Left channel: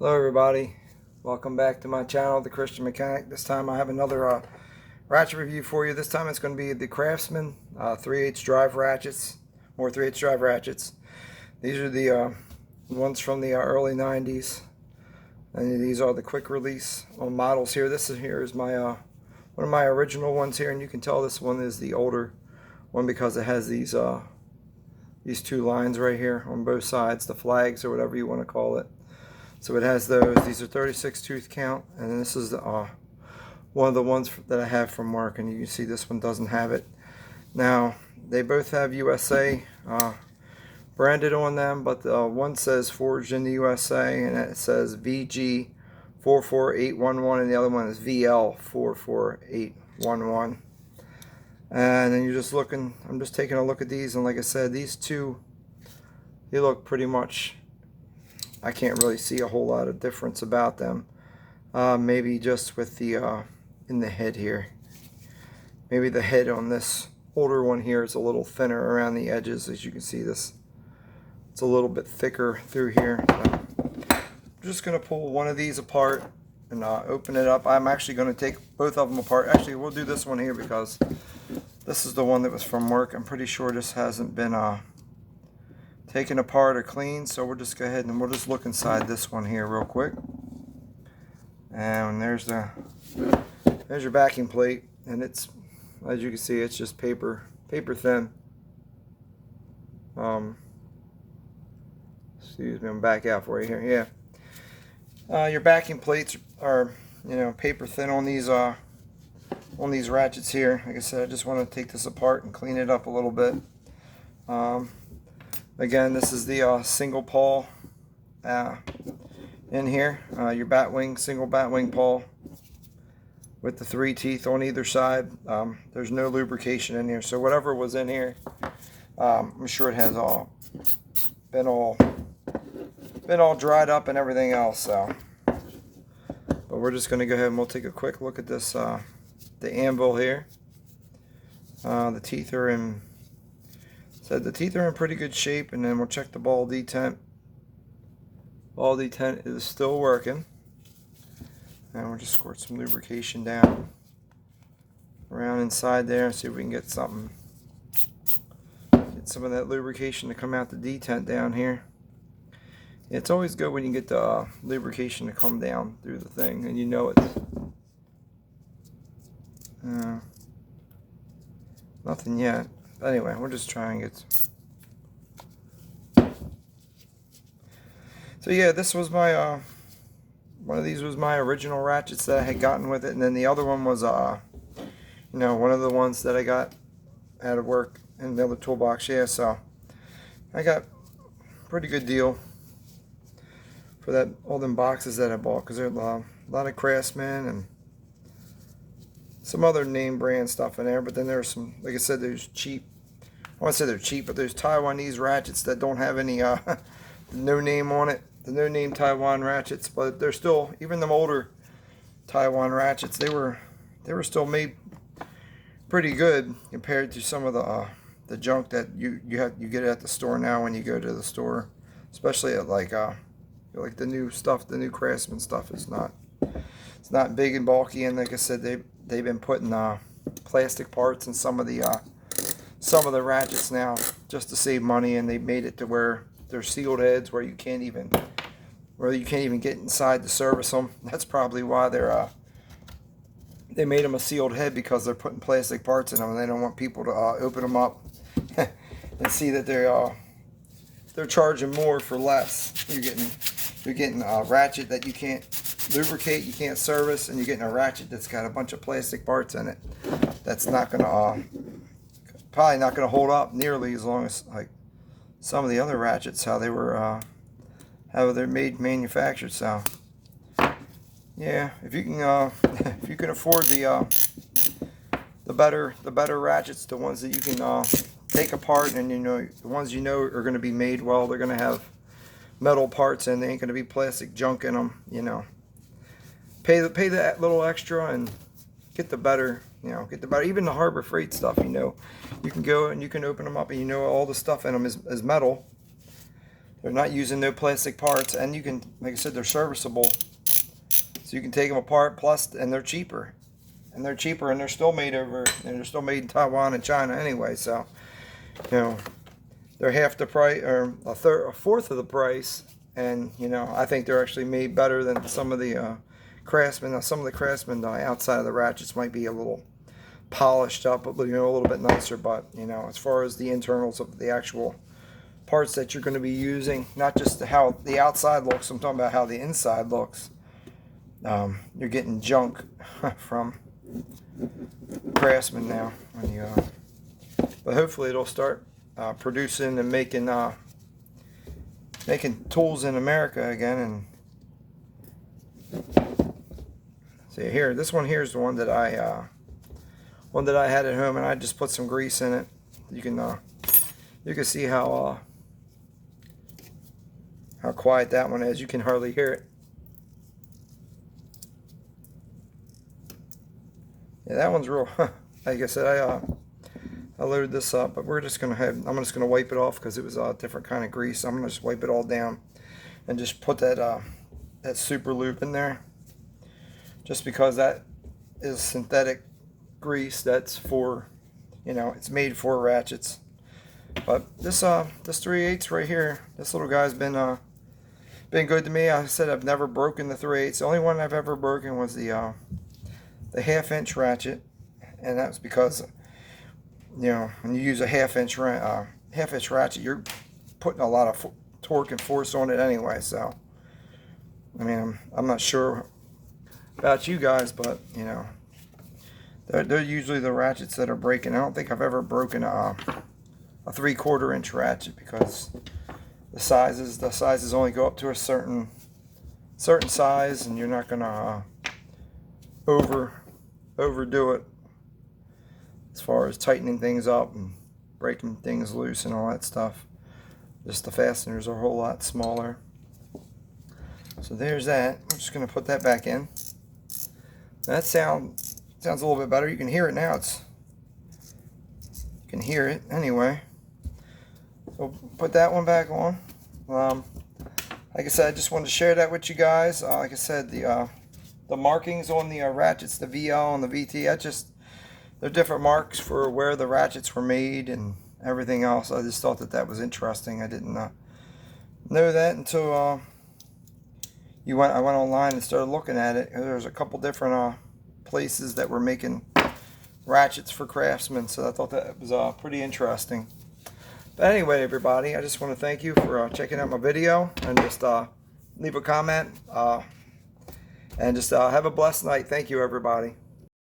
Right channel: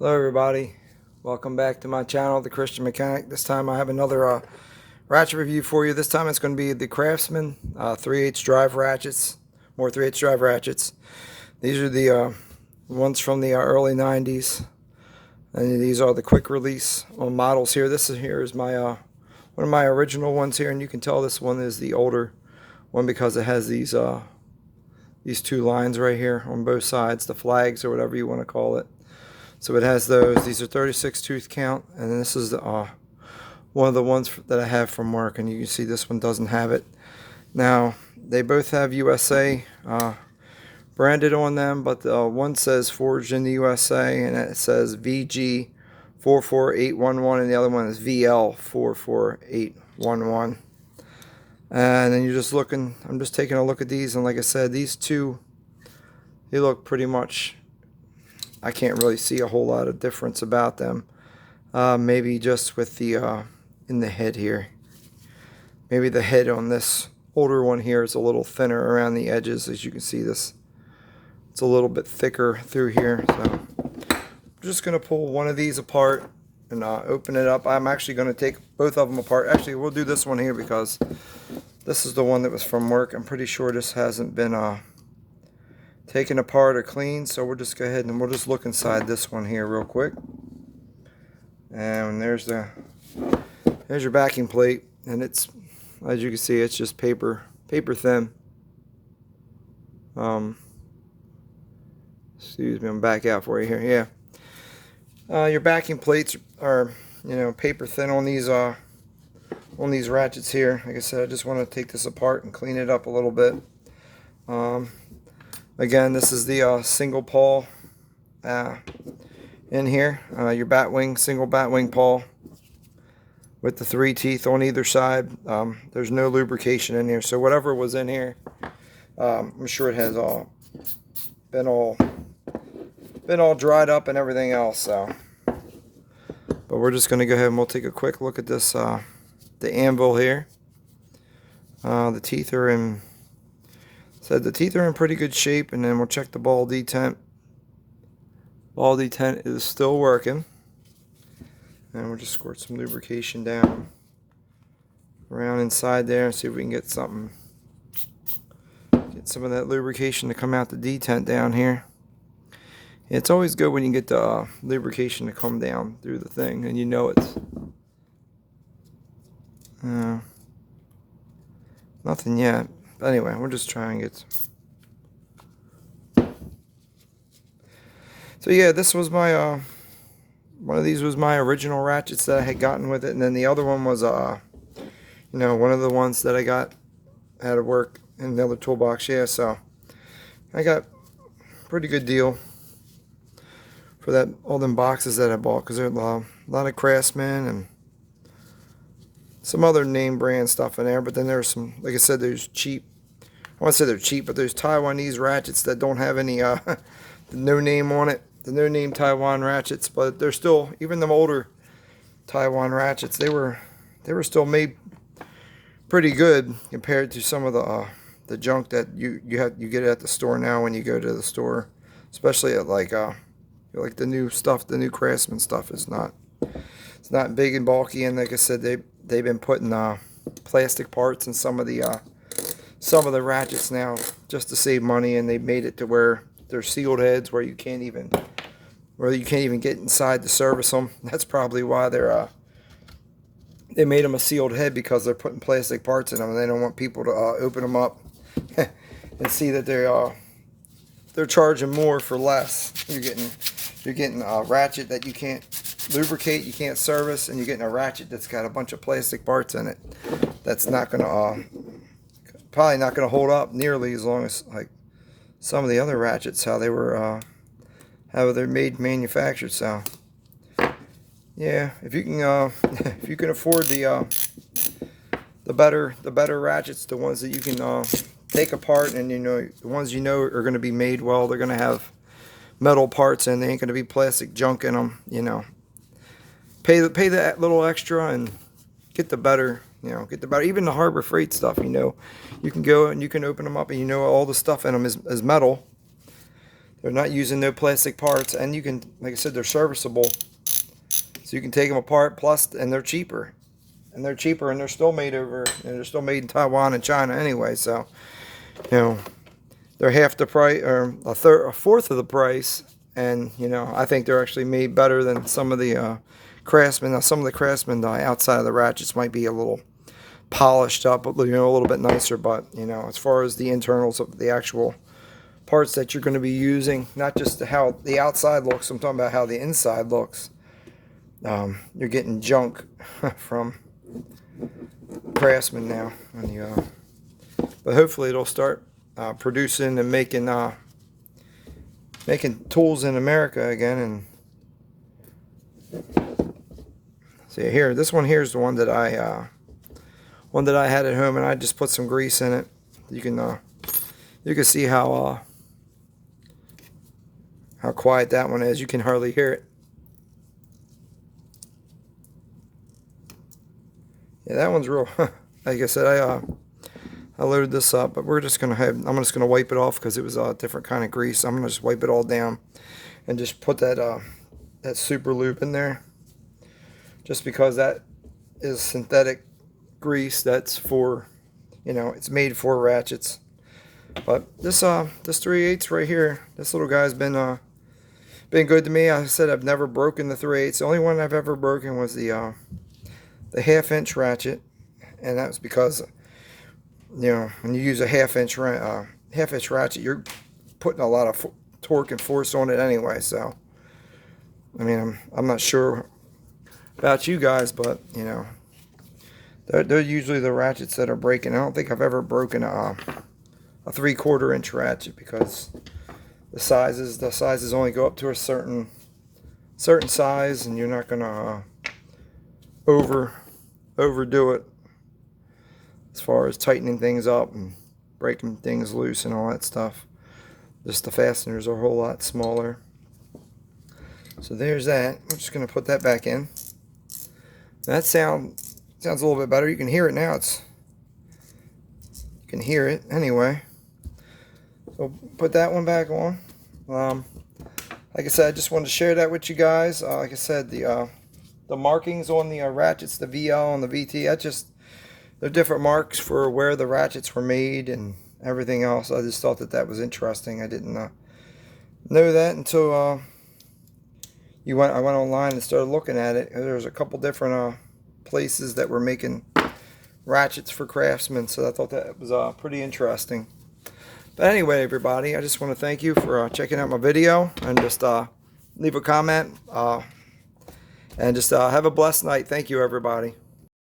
Hello everybody, welcome back to my channel, The Christian Mechanic. This time I have another ratchet review for you. This time it's going to be the Craftsman 3/8 drive ratchets, more 3/8 drive ratchets. These are the ones from the early 90s, and these are the quick release models here. This is my one of my original ones here, and you can tell this one is the older one because it has these two lines right here on both sides, the flags or whatever you want to call it. So it has those. These are 36 tooth count, and this is one of the ones that I have from work, and you can see this one doesn't have it. Now, they both have USA branded on them, but one says forged in the USA, and it says VG-44811, and the other one is VL44811. And then you're just looking, I'm just taking a look at these, and like I said, these two, they look pretty much, I can't really see a whole lot of difference about them. Maybe just with the in the head here. Maybe the head on this older one here is a little thinner around the edges. As you can see, it's a little bit thicker through here. So I'm just going to pull one of these apart and open it up. I'm actually going to take both of them apart. Actually, we'll do this one here because this is the one that was from work. I'm pretty sure this hasn't been taken apart or cleaned, so we'll just go ahead and we'll just look inside this one here real quick. And there's your backing plate, and it's, as you can see, it's just paper thin. Excuse me, I'm back out for you here. Yeah, your backing plates are, paper thin on these ratchets here. Like I said, I just want to take this apart and clean it up a little bit. Again, this is the single pawl in here, your single bat wing pawl with the 3 teeth on either side. There's no lubrication in here, so whatever was in here, I'm sure it has been all dried up and everything else. So, but we're just going to go ahead and we'll take a quick look at this, the anvil here. The teeth are in. The teeth are in pretty good shape, and then we'll check the ball detent. Ball detent is still working. And we'll just squirt some lubrication down around inside there and see if we can get some of that lubrication to come out the detent down here. It's always good when you get the lubrication to come down through the thing, and you know it's nothing yet. Anyway, we're just trying it. So yeah, this was my one of these was my original ratchets that I had gotten with it, and then the other one was one of the ones that I got out of work in the other toolbox. Yeah, so I got a pretty good deal for all them boxes that I bought, because there's a lot of Craftsman and some other name brand stuff in there, but then there's some, like I said, there's cheap. I want to say they're cheap, but there's Taiwanese ratchets that don't have any no name on it. The no name Taiwan ratchets, but they're still, even them older Taiwan ratchets, they were still made pretty good compared to some of the junk that you get at the store now when you go to the store, especially at like the new stuff, the new Craftsman stuff is not. It's not big and bulky, and like I said, they've been putting plastic parts in some of the ratchets now just to save money, and they made it to where they're sealed heads where you can't even get inside to service them. That's probably why they made them a sealed head, because they're putting plastic parts in them, and they don't want people to open them up and see that they're charging more for less. You're getting a ratchet that you can't lubricate, you can't service, and you're getting a ratchet that's got a bunch of plastic parts in it. That's not gonna probably not gonna hold up nearly as long as like some of the other ratchets, how they're manufactured. So yeah, if you can afford the better ratchets, the ones that you can take apart, and the ones are going to be made well, they're going to have metal parts, and they ain't going to be plastic junk in them. Pay that little extra and get the better. Even the Harbor Freight stuff. You can go and you can open them up, and all the stuff in them is metal. They're not using no plastic parts, and you can, like I said, they're serviceable. So you can take them apart, plus, and they're cheaper. And they're cheaper, and they're still made over, and they're still made in Taiwan and China anyway. So, you know, they're half the price, or a fourth of the price. And, you know, I think they're actually made better than some of the Craftsman. Now, some of the Craftsman outside of the ratchets might be a little polished up, you know, a little bit nicer. But, you know, as far as the internals of the actual parts that you're going to be using, not just how the outside looks, I'm talking about how the inside looks. You're getting junk from Craftsman now. But hopefully it'll start producing and making tools in America again. And see here, this one here is the one that I had at home, and I just put some grease in it. You can see how quiet that one is. You can hardly hear it. Yeah, that one's real. Like I said, I loaded this up, but I'm just gonna wipe it off because it was a different kind of grease. I'm gonna just wipe it all down and just put that super lube in there, just because that is synthetic grease. That's for, you know, it's made for ratchets. But this 3/8 right here, this little guy's been good to me. I said I've never broken the 3/8. The only one I've ever broken was the 1/2-inch ratchet, and that's because, you know, when you use a 1/2-inch ratchet, you're putting a lot of torque and force on it anyway. So, I mean, I'm not sure about you guys, but, you know, they're usually the ratchets that are breaking. I don't think I've ever broken a 3/4 inch ratchet, because the sizes only go up to a certain size, and you're not gonna overdo it as far as tightening things up and breaking things loose and all that stuff. Just the fasteners are a whole lot smaller. So there's that. I'm just gonna put that back in. That sounds a little bit better. You can hear it now. You can hear it anyway. We'll put that one back on. Like I said, I just wanted to share that with you guys. Like I said, the markings on the ratchets, the VL and the VT, they're different marks for where the ratchets were made and everything else. I just thought that was interesting. I didn't know that until I went online and started looking at it. There's a couple different places that were making ratchets for Craftsman, so I thought that was pretty interesting. But anyway, everybody, I just want to thank you for checking out my video, and just leave a comment, and just have a blessed night. Thank you, everybody.